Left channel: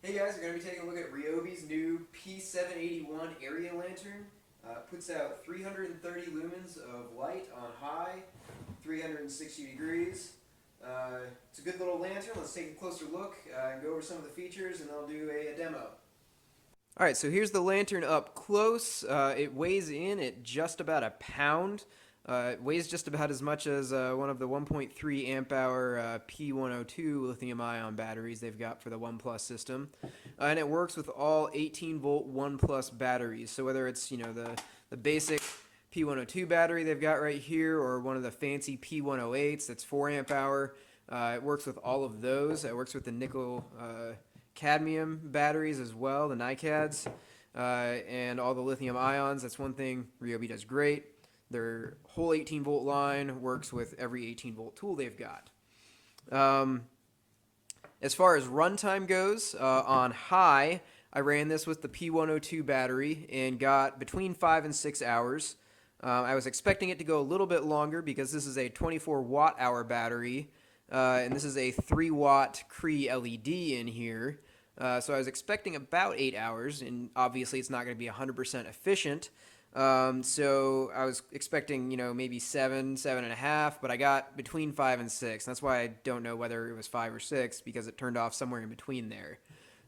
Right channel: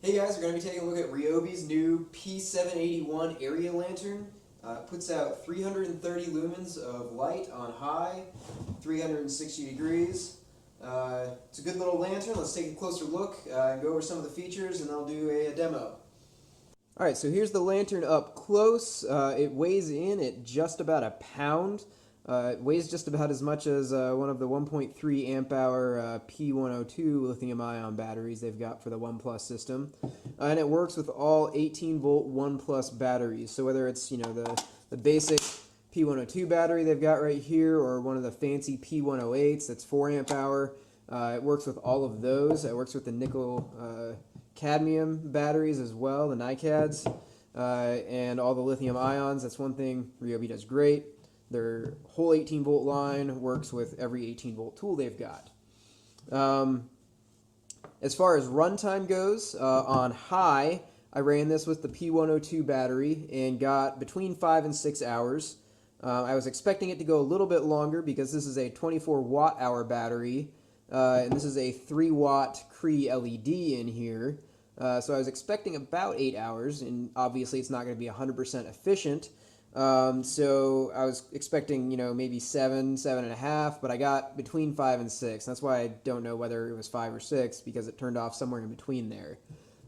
Hey guys, we're going to be taking a look at Ryobi's new P781 area lantern. It puts out 330 lumens of light on high, 360 degrees. It's a good little lantern. Let's take a closer look and go over some of the features, and I'll do a demo. Alright, so here's the lantern up close. It weighs in at just about a pound. It weighs just about as much as one of the 1.3 amp hour P102 lithium ion batteries they've got for the OnePlus system. And it works with all 18 volt OnePlus batteries. So whether it's the basic P102 battery they've got right here or one of the fancy P108s that's 4 amp hour, it works with all of those. It works with the nickel cadmium batteries as well, the NiCads, and all the lithium ions. That's one thing Ryobi does great. Their whole 18 volt line works with every 18 volt tool they've got. As far as runtime goes, on high, I ran this with the P102 battery and got between 5 and 6 hours. I was expecting it to go a little bit longer because this is a 24 watt hour battery, and this is a 3 watt Cree LED in here. So I was expecting about 8 hours, and obviously it's not going to be 100% efficient. So I was expecting, maybe 7.5, but I got between 5 and 6. That's why I don't know whether it was 5 or 6 because it turned off somewhere in between there.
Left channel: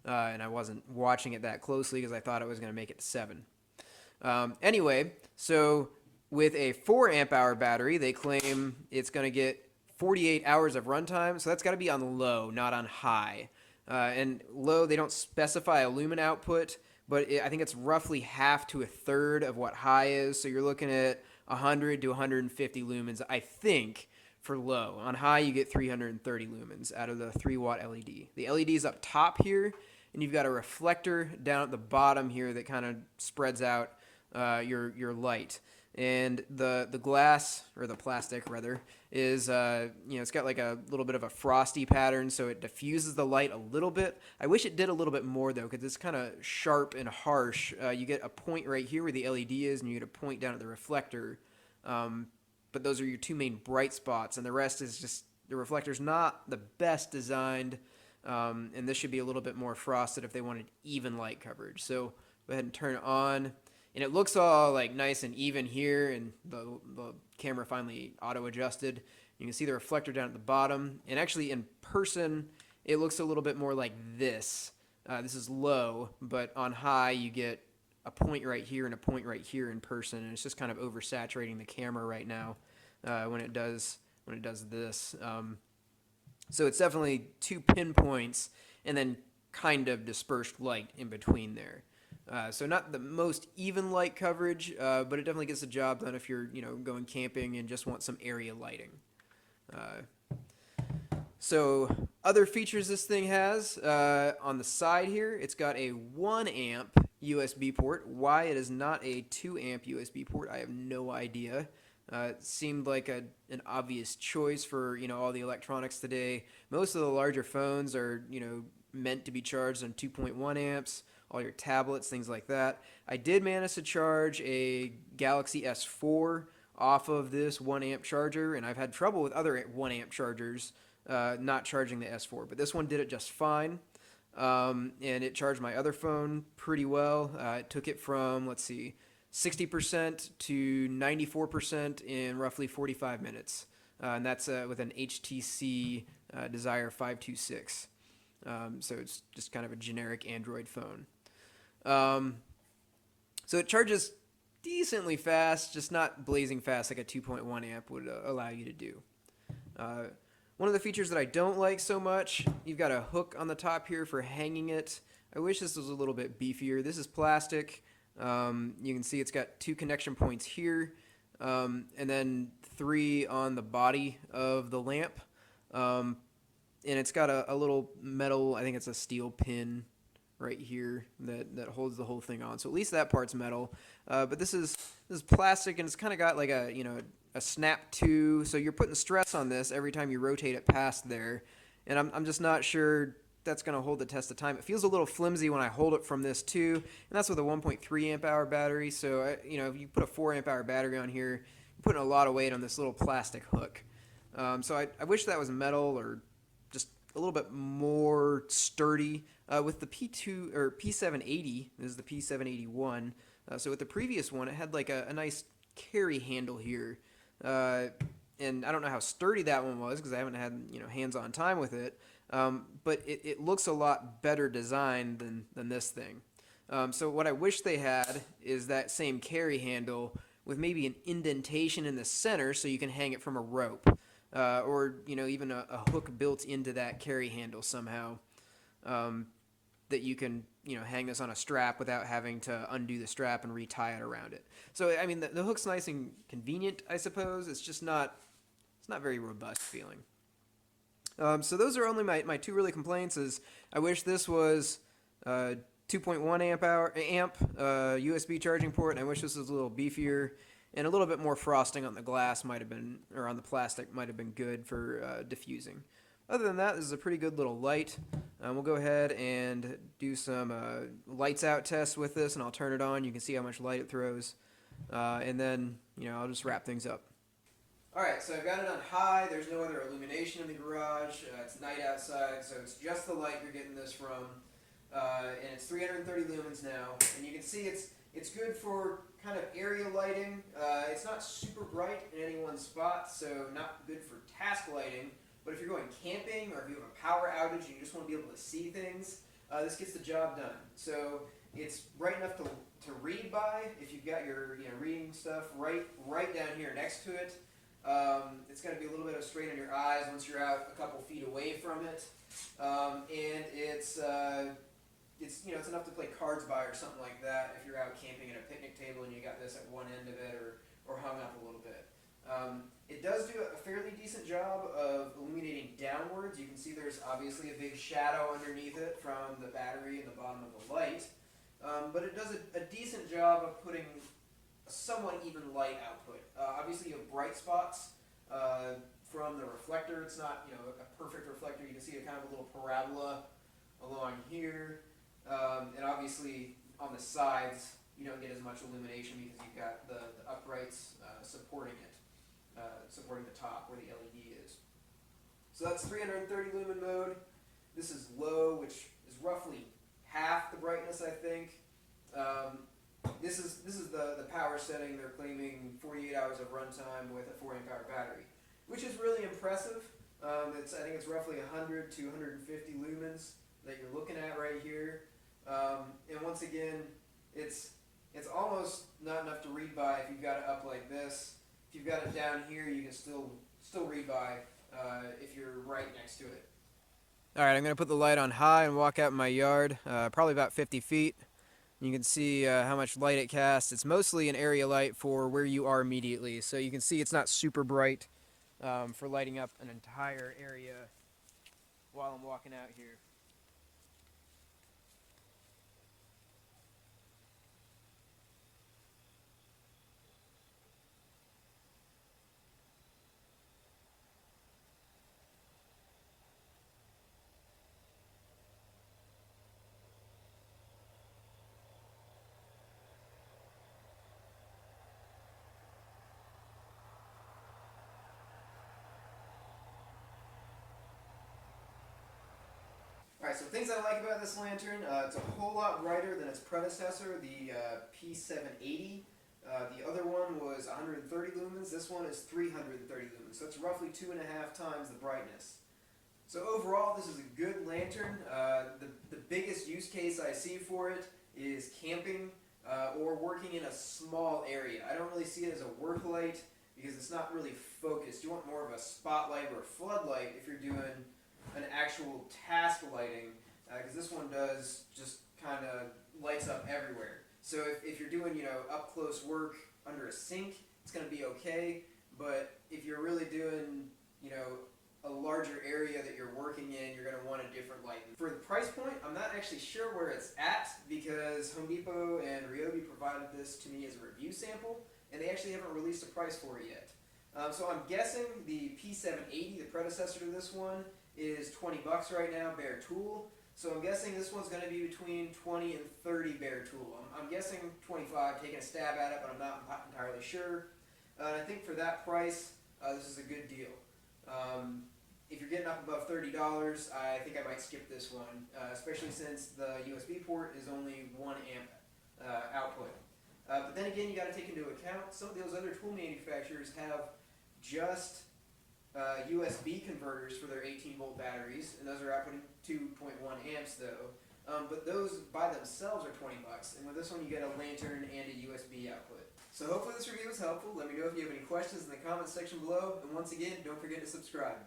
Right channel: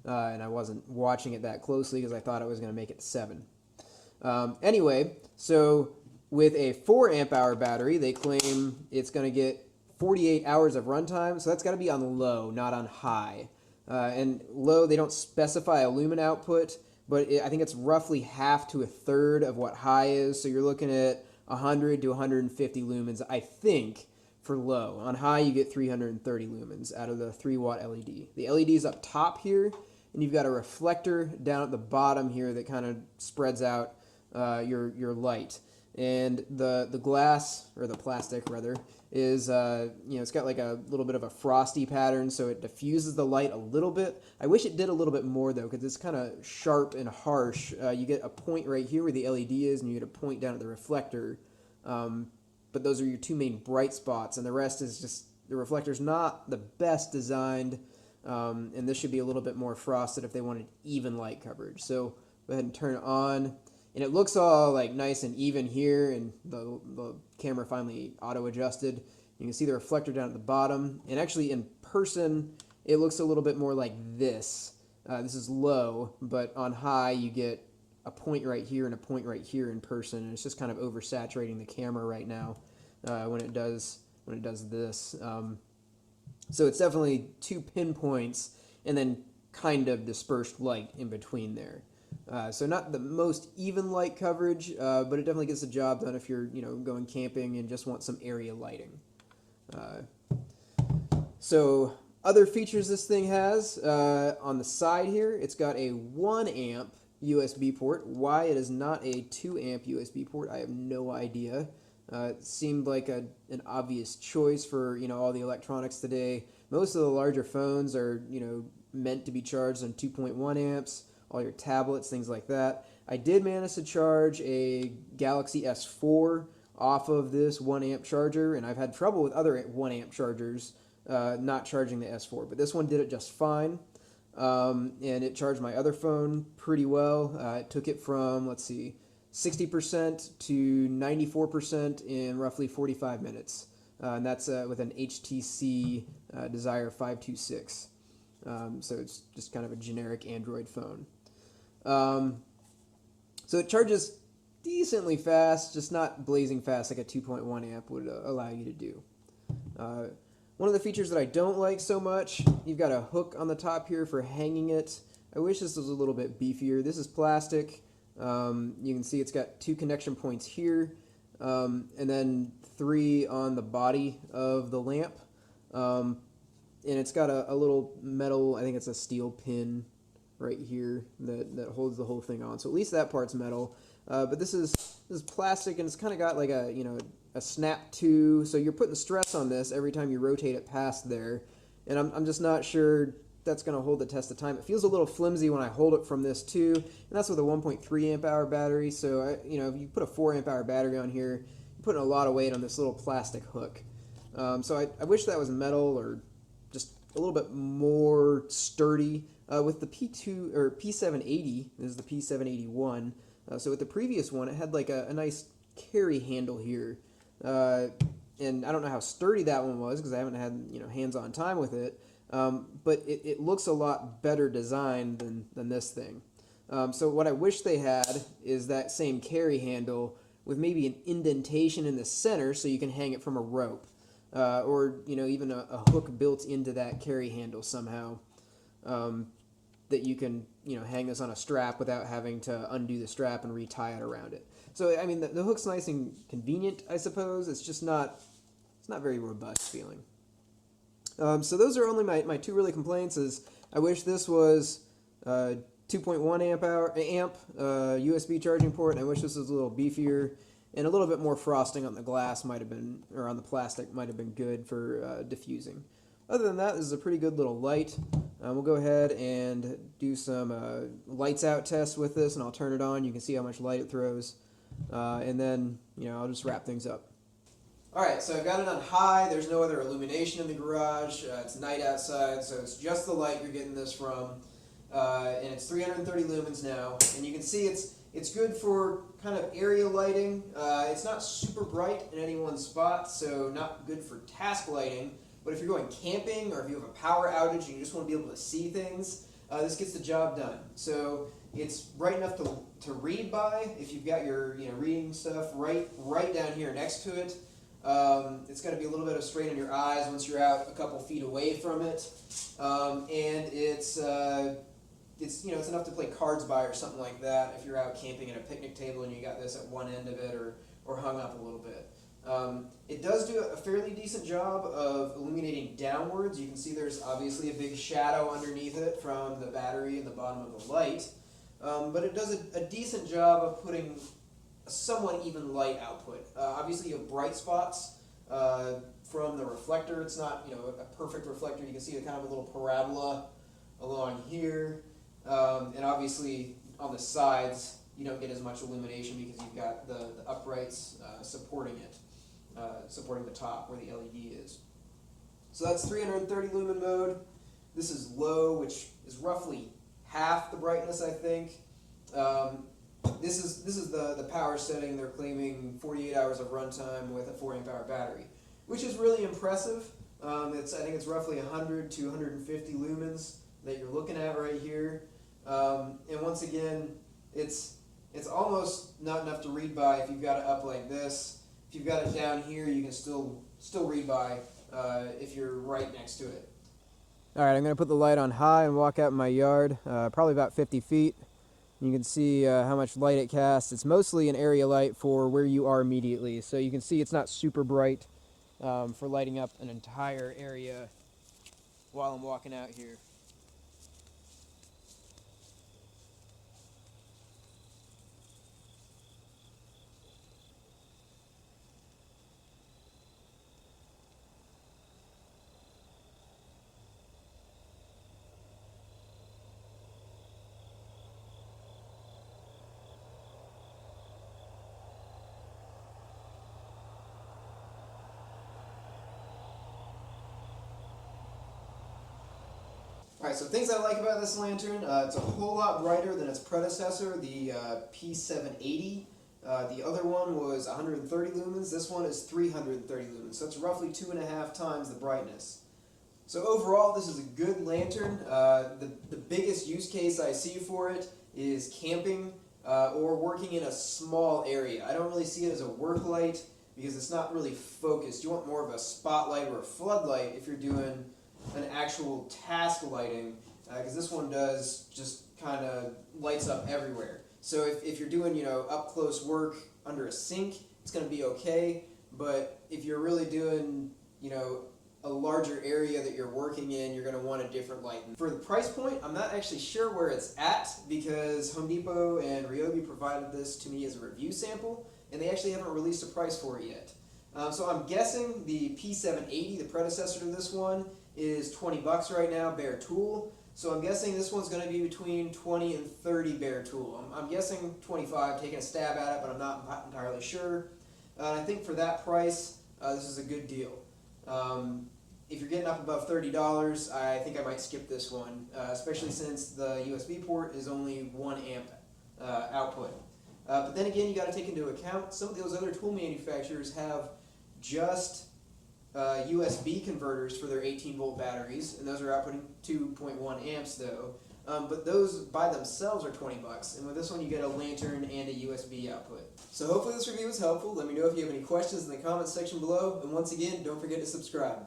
And I wasn't watching it that closely because I thought I was going to make it to 7. Anyway, so with a 4 amp hour battery, they claim it's going to get 48 hours of runtime. So that's got to be on low, not on high. And low, they don't specify a lumen output, but I think it's roughly half to a third of what high is. So you're looking at 100 to 150 lumens, I think, for low. On high, you get 330 lumens out of the 3 watt LED. The LED is up top here, and you've got a reflector down at the bottom here that kind of spreads out your light. And the glass, or the plastic rather, is it's got like a little bit of a frosty pattern, so it diffuses the light a little bit. I wish it did a little bit more though, because it's kind of sharp and harsh. You get a point right here where the LED is, and you get a point down at the reflector. But those are your two main bright spots, and the rest is just the reflector's not the best designed, and this should be a little bit more frosted if they wanted even light coverage. So go ahead and turn it on. And it looks all like nice and even here, and the camera finally auto adjusted. You can see the reflector down at the bottom, and actually in person it looks a little bit more like this. This is low, but on high you get a point right here and a point right here in person, and it's just kind of oversaturating the camera right now when it does this. So it's definitely two pinpoints and then kind of dispersed light in between there. So not the most even light coverage, but it definitely gets the job done if you're going camping and just want some area lighting. So other features this thing has, on the side here, it's got a 1 amp USB port. Why it is not a 2 amp USB port, I have no idea. It seemed like an obvious choice for all the electronics today. Most of the larger phones are meant to be charged on 2.1 amps. All your tablets, things like that. I did manage to charge a Galaxy S4 off of this 1 amp charger, and I've had trouble with other 1 amp chargers not charging the S4, but this one did it just fine. And it charged my other phone pretty well. It took it from, let's see, 60% to 94% in roughly 45 minutes. And that's with an HTC Desire 526. So it's just kind of a generic Android phone. So it charges decently fast, just not blazing fast like a 2.1 amp would allow you to do. One of the features that I don't like so much, you've got a hook on the top here for hanging it. I wish this was a little bit beefier. This is plastic. You can see it's got 2 connection points here, and then 3 on the body of the lamp. And it's got a little metal, I think it's a steel pin right here that holds the whole thing on. So at least that part's metal. But this is plastic, and it's kind of got like a snap to, so you're putting stress on this every time you rotate it past there. And I'm just not sure that's going to hold the test of time. It feels a little flimsy when I hold it from this too, and that's with a 1.3 amp hour battery. So if you put a 4 amp hour battery on here, you're putting a lot of weight on this little plastic hook. So I wish that was metal or just a little bit more sturdy. With the P2 or P780, this is the P781. So with the previous one, it had like a nice carry handle here, and I don't know how sturdy that one was because I haven't had hands-on time with it. But it looks a lot better designed than this thing. So what I wish they had is that same carry handle with maybe an indentation in the center so you can hang it from a rope, or even a hook built into that carry handle somehow, that you can hang this on a strap without having to undo the strap and retie it around it. So I mean the hook's nice and convenient, I suppose. It's not very robust feeling. So those are only my two really complaints. Is I wish this was 2.1 amp USB charging port, and I wish this was a little beefier, and a little bit more frosting on the glass might have been, or on the plastic might have been good for diffusing. Other than that, this is a pretty good little light. We'll go ahead and do some lights out tests with this, and I'll turn it on. You can see how much light it throws, and then I'll just wrap things up. Alright, so I've got it on high. There's no other illumination in the garage. It's night outside, so it's just the light you're getting this from. And it's 330 lumens now. And you can see it's good for kind of area lighting. It's not super bright in any one spot, so not good for task lighting. But if you're going camping or if you have a power outage and you just want to be able to see things, this gets the job done. So it's bright enough to read by if you've got your reading stuff right down here next to it. It's going to be a little bit of strain on your eyes once you're out a couple feet away from it, and it's enough to play cards by or something like that if you're out camping at a picnic table and you got this at one end of it or hung up a little bit. It does do a fairly decent job of illuminating downwards. You can see there's obviously a big shadow underneath it from the battery and the bottom of the light, but it does a decent job of putting somewhat even light output. Obviously you have bright spots from the reflector. It's not a perfect reflector. You can see a kind of a little parabola along here, and obviously on the sides you don't get as much illumination because you've got the uprights supporting it, supporting the top where the LED is. So that's 330 lumen mode. This is low, which is roughly half the brightness, I think. This is the power setting. They're claiming 48 hours of runtime with a 4 amp hour battery, which is really impressive. I think it's roughly 100 to 150 lumens that you're looking at right here. And once again, it's almost not enough to read by if you've got it up like this. If you've got it down here, you can still read by if you're right next to it. All right, I'm going to put the light on high and walk out in my yard, probably about 50 feet. You can see how much light it casts. It's mostly an area light for where you are immediately, so you can see it's not super bright for lighting up an entire area while I'm walking out here. Alright, so things I like about this lantern, it's a whole lot brighter than its predecessor, the P780. The other one was 130 lumens, this one is 330 lumens, so it's roughly 2.5 times the brightness. So overall, this is a good lantern. The biggest use case I see for it is camping or working in a small area. I don't really see it as a work light because it's not really focused. You want more of a spotlight or a floodlight if you're doing an actual task lighting, because this one does just kind of lights up everywhere. So if you're doing up close work under a sink, it's going to be okay. But if you're really doing a larger area that you're working in, you're going to want a different light. For the price point, I'm not actually sure where it's at because Home Depot and Ryobi provided this to me as a review sample, and they actually haven't released a price for it yet. So I'm guessing the P780, the predecessor to this one, is $20 right now, bare tool. So I'm guessing this one's going to be between 20 and 30 bare tool. I'm guessing 25, taking a stab at it, but I'm not entirely sure. And I think for that price, this is a good deal. if you're getting up above $30, I think I might skip this one, especially since the USB port is only 1 amp output. But then again, you got to take into account some of those other tool manufacturers have just USB converters for their 18-volt batteries, and those are outputting 2.1 amps though. But those by themselves are $20, and with this one you get a lantern and a USB output. So hopefully this review was helpful. Let me know if you have any questions in the comments section below, and once again, don't forget to subscribe.